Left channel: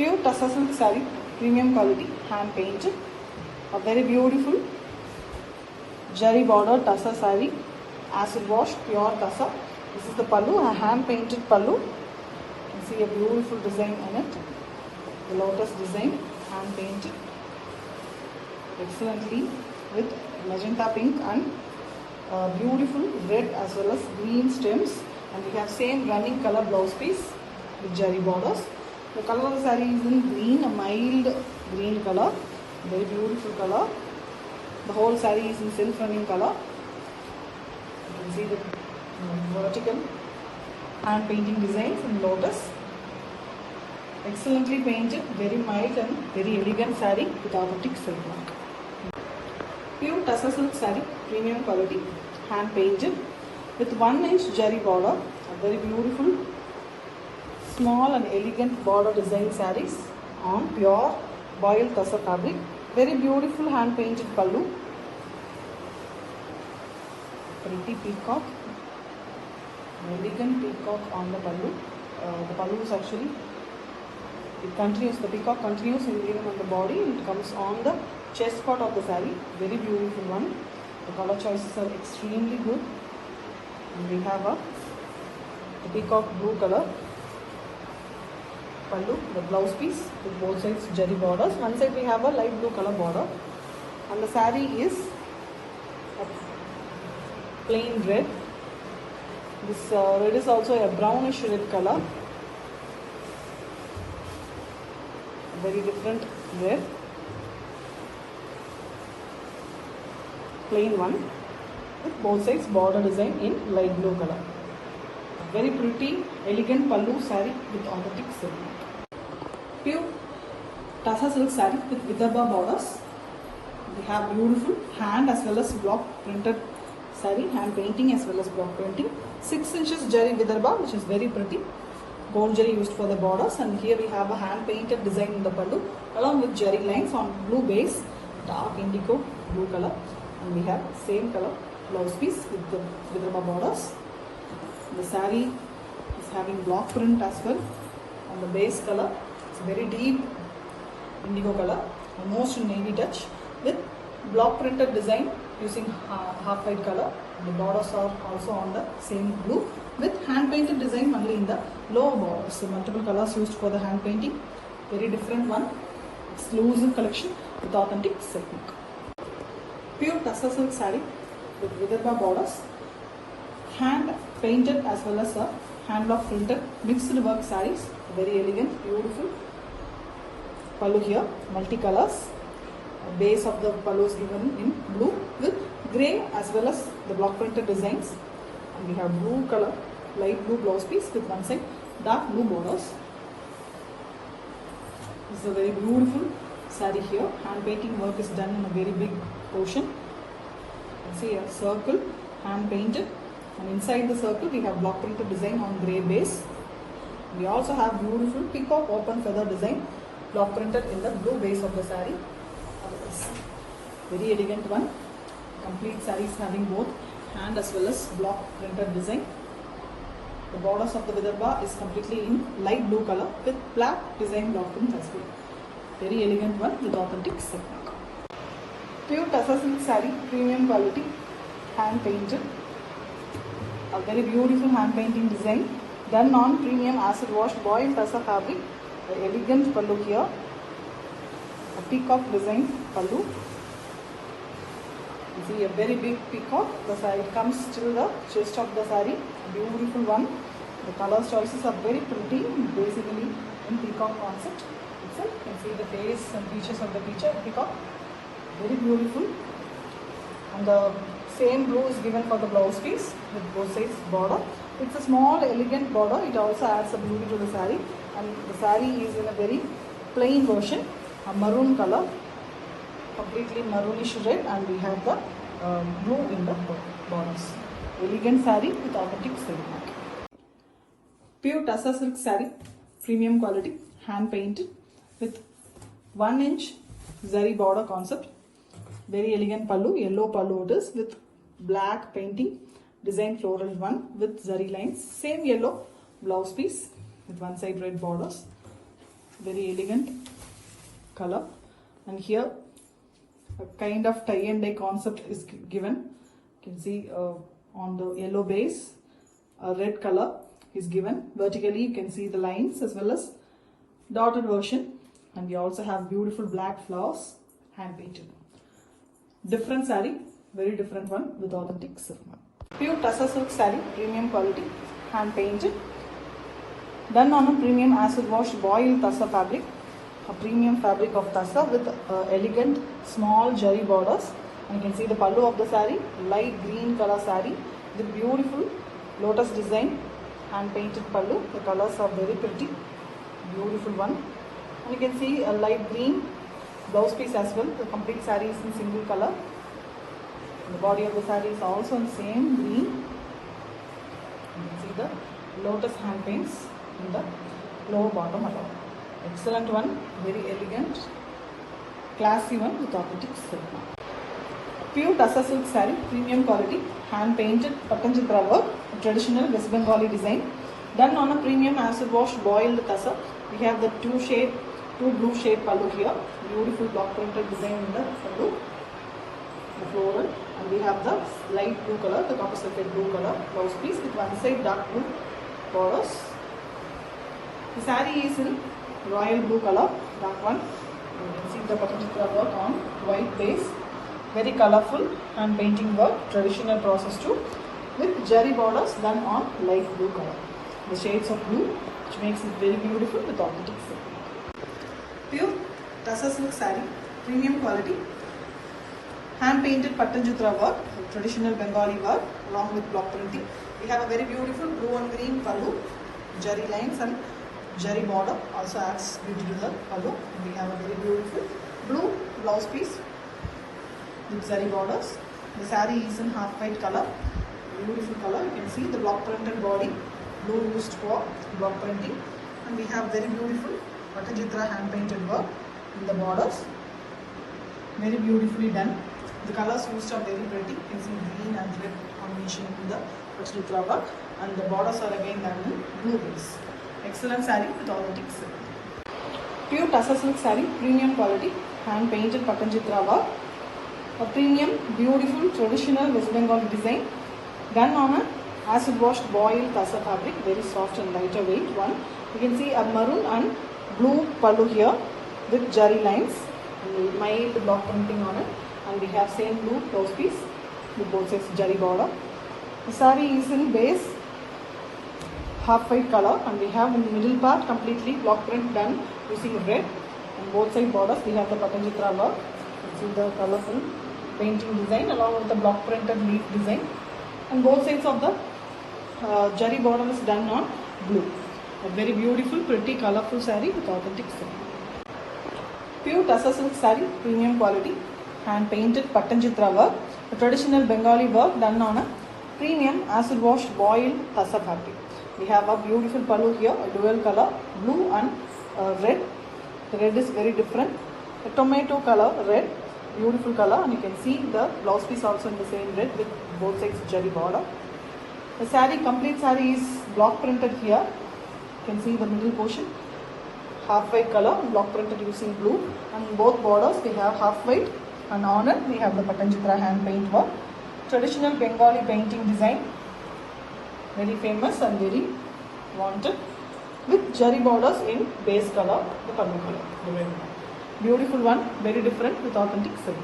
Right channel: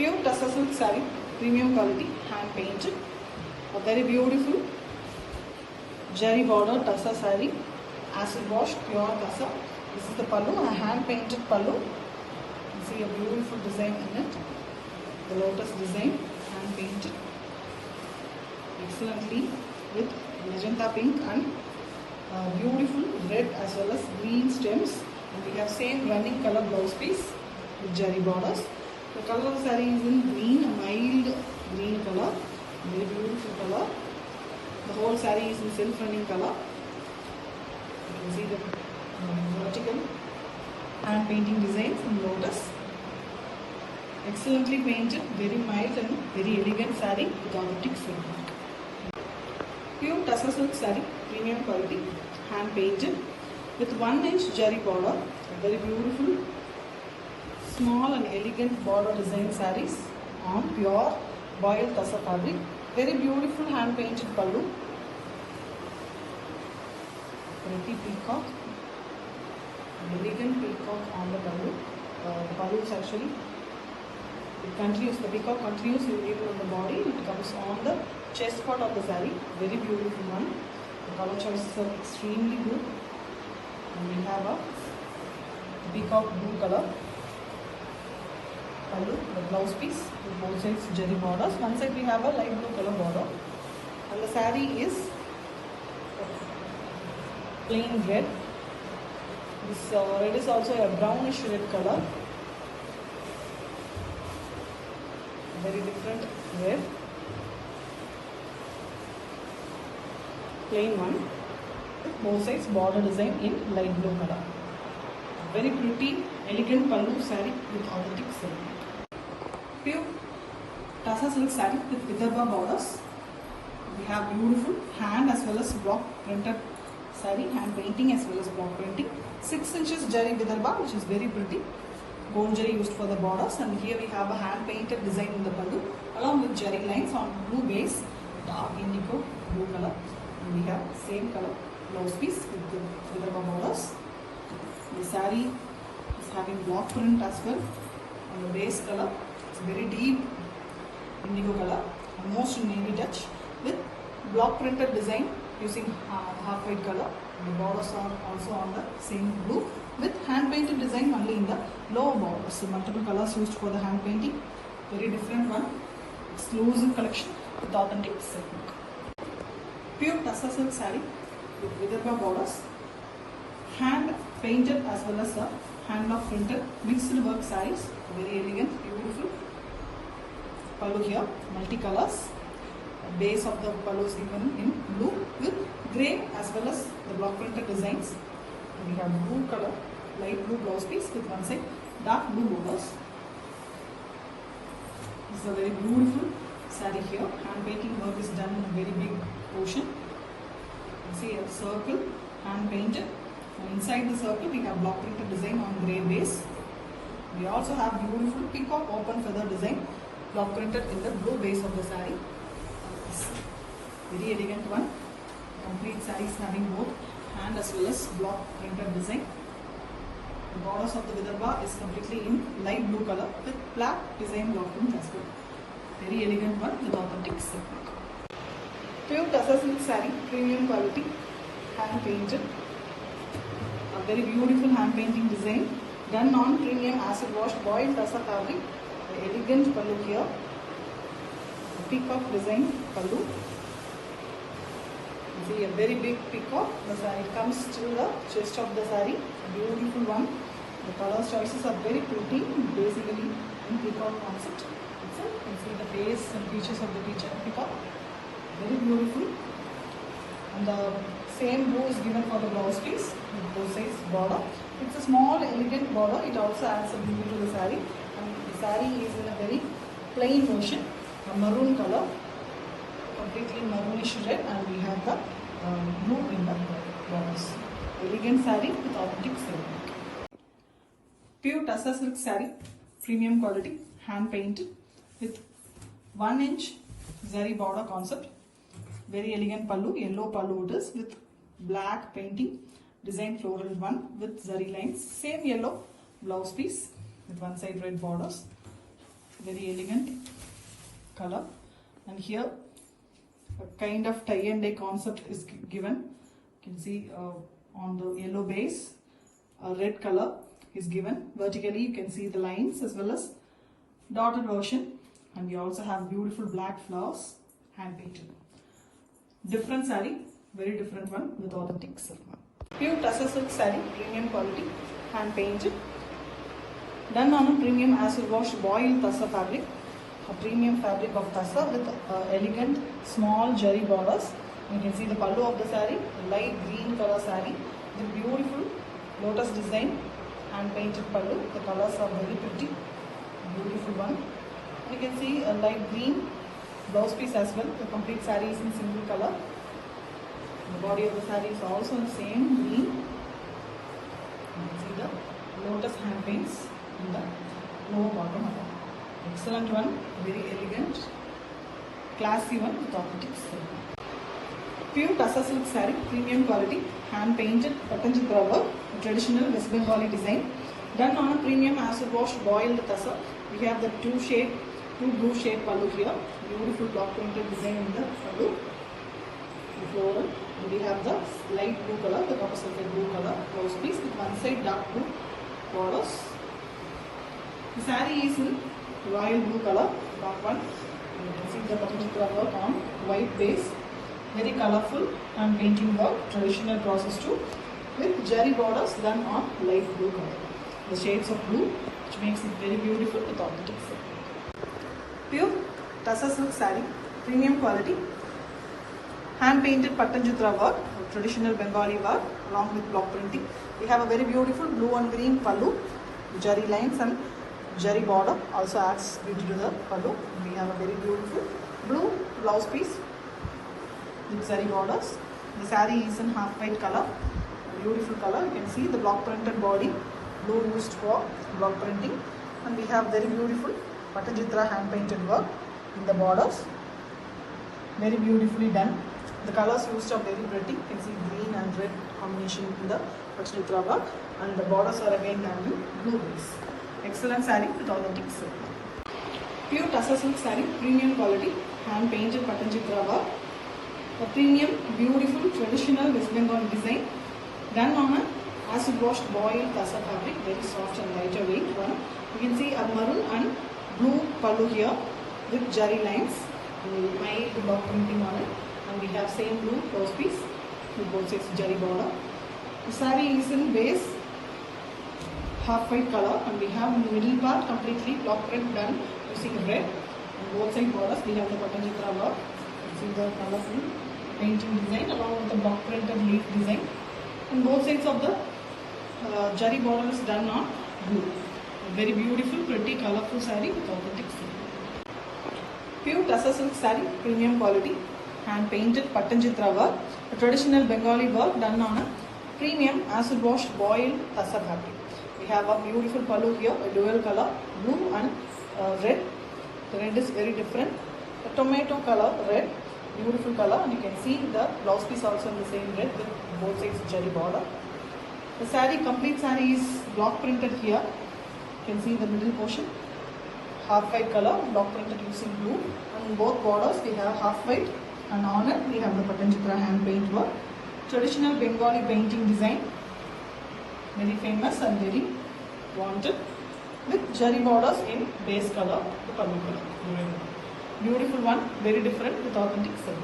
Pure Tussar silk saree, premium quality, hand painted. A very beautiful Jari border Tussar saree, acid wash, pure Tussar. This is the pallu, a hand painted pallu. You can see a beautiful design in it. Lotus design, hand painted. Excellently with magenta pink and beautiful red as well as green stems. And we have same running color blouse piece with Jari borders. The color of the saree is in green, a mild green color. Very beautiful color. The whole saree is in silk running color. You can see the vertical hand painting designs in lotus. Excellently painted, very mild and very elegant saree with authentic silk work. Pure Tussar silk saree, premium quality, hand painted with 1 inch Jari border. A very beautiful, small and elegant border design sarees on pure boiled Tussar fabric. Very beautiful hand painted pallu. Pretty peacock. Elegant peacock on the pallu. The pallu is actually, it continues, the peacock continues moving on the body. It comes on the chest part of the saree. Very beautiful one. The color choices are extremely good. And we have a peacock blue color pallu, the blouse piece with both sides Jari borders. One side we have a light blue color border, and the saree is plain red. This red is also a brownish red color. Very different red. Plain one with both sides border design in light blue color. Very pretty, elegant pallu saree with authentic silk. Pure Tussar silk saree with Vidarbha borders. We have beautiful hand as well as block printed saree, hand painting as well as block printing. 6 inches Jari Vidarbha, which is very pretty. Gold Jari used for the borders, and here we have a hand painted design in the pallu along with Jari lines on blue base, dark indigo blue color, and we have same color blouse piece with the Vidarbha borders. The saree is having block print as well on the base color. It's a very deep indigo color, almost navy touch with block printed design using half white color. The borders are also on the same blue with hand painted design only in the lower borders. So multiple colors used for the hand painting. Very different one. Exclusive collection with authentic silk. Pure Tussar silk saree with Vidarbha borders. Hand painted as well as a hand block printed mixed work sarees. Very elegant, beautiful. Pallu here, multicolors. Base of the pallu is given in blue with grey as well as the block printed designs. And we have blue color, light blue blouse piece with one side dark blue borders. This is a very beautiful saree here. Hand painting work is done in a very big portion. You see a circle, hand painted. And inside the circle we have block printed design on grey base. We also have beautiful peacock open feather design block printed in the blue base of the saree. Very elegant one. Complete sarees having both hand as well as block printed design. The borders of the Vidarbha is completely in light blue color with black design block print as well. Very elegant one with authentic silk. Pure Tussar silk saree, premium quality, hand painted. A very beautiful hand painting design done on premium acid wash boiled Tussar fabric. The elegant pallu here. A peacock design pallu. You see a very big peacock. It comes to the chest of the saree. Beautiful one. The color choices are very pretty. Basically in peacock concept. You can see the face and features of the peacock. Very beautiful. And the same blue is given for the blouse piece with both sides border. It's a small elegant border. It also adds a beauty to the saree. And the saree is in a very plain version, a maroon color, completely maroonish red, and we have the blue in the borders. Elegant saree with authentic silk. Pure Tussar silk saree, premium quality, hand painted with 1 inch Jari border concept. Very elegant pallu, yellow pallu it is with black painting, design floral one with Jari lines. Same yellow blouse piece with one side red borders. very elegant color, and here a kind of tie and dye concept is given. You can see on the yellow base a red color is given. Vertically you can see the lines as well as dotted version, and we also have beautiful black flowers hand painted. Different saree, very different one with authentic silk. Pure tussar silk saree, premium quality, hand painted, done on a premium acid wash boiled tussar fabric, a premium fabric of tussar with elegant small jari borders. You can see the pallu of the saree, light green color saree with beautiful lotus design, hand painted pallu. The colors are very pretty, beautiful one. You can see a light green blouse piece as well. The complete saree is in single color. The body of the saree is also in same green. You can see the lotus hand paints in the lower bottom of it. Excellent one, very elegant, classy one with authentic silk. Pure tussar silk saree, premium quality, hand painted Patanjitra work, traditional West Bengali design, done on a premium acid wash boiled tussar. We have the two blue shade pallu here, beautiful block printed design in the pallu, the floral, and we have the light blue color, the copper sulphate blue color blouse piece with one side dark blue borders. The saree is in royal blue color, dark one. You can see the Patanjitra work on white base, very colorful and painting work, traditional process too, with jari borders done on light blue color. The shades of blue, which makes it very beautiful with authentic silk. Pure tussar silk saree, premium quality, hand painted Patanjitra work, traditional Bengali work along with block printing. We have a very beautiful blue and green pallu, jari lines and jari border also adds beauty to the pallu. We have a very beautiful blue blouse piece with jari borders. The saree is in half white color, beautiful color. You can see the block printed body, blue used for block printing, and we have very beautiful Patanjitra hand painted work in the borders, very beautifully done. The colors used are very pretty. You can see green and red combination in the Patanjitra work, and the borders are again done in blue base. Excellent saree with authentic silk. Pure tussar silk saree, premium quality, hand painted Patanjitra work, a premium beautiful traditional West Bengali design, done on a acid washed boiled tussar fabric, very soft and lighter weight one. You can see a maroon and blue pallu here with jari lines, mild block printing on it, and we have same blue blouse piece with both sides jari border. The saree is in base half white color, and we have in the middle part completely block print done using red, and both side borders we have the Patanjitra work. You see the colorful painting design along with the block printed leaf design, and both sides of the jari border is done on blue. A very beautiful, pretty, colorful saree with authentic silk. Pure tussar silk saree, premium quality, hand painted Patanjitra work, traditional Bengali work done on a premium acid washed boiled tussar fabric. We have a beautiful pallu here, a dual color, blue and red. The red is very different. The tomato color red, beautiful color, and you can see the blouse piece also in the same red with both sides jari border. The saree, complete saree is block printed here. You can see the middle portion, half white color, block printed using blue. On both borders we have half white, and on it we have the Patanjitra hand paint work. Traditional Bengali painting design, very famous and very wanted, with jari borders in base color, the pallu color, the red one. Beautiful one, very different with authentic silk.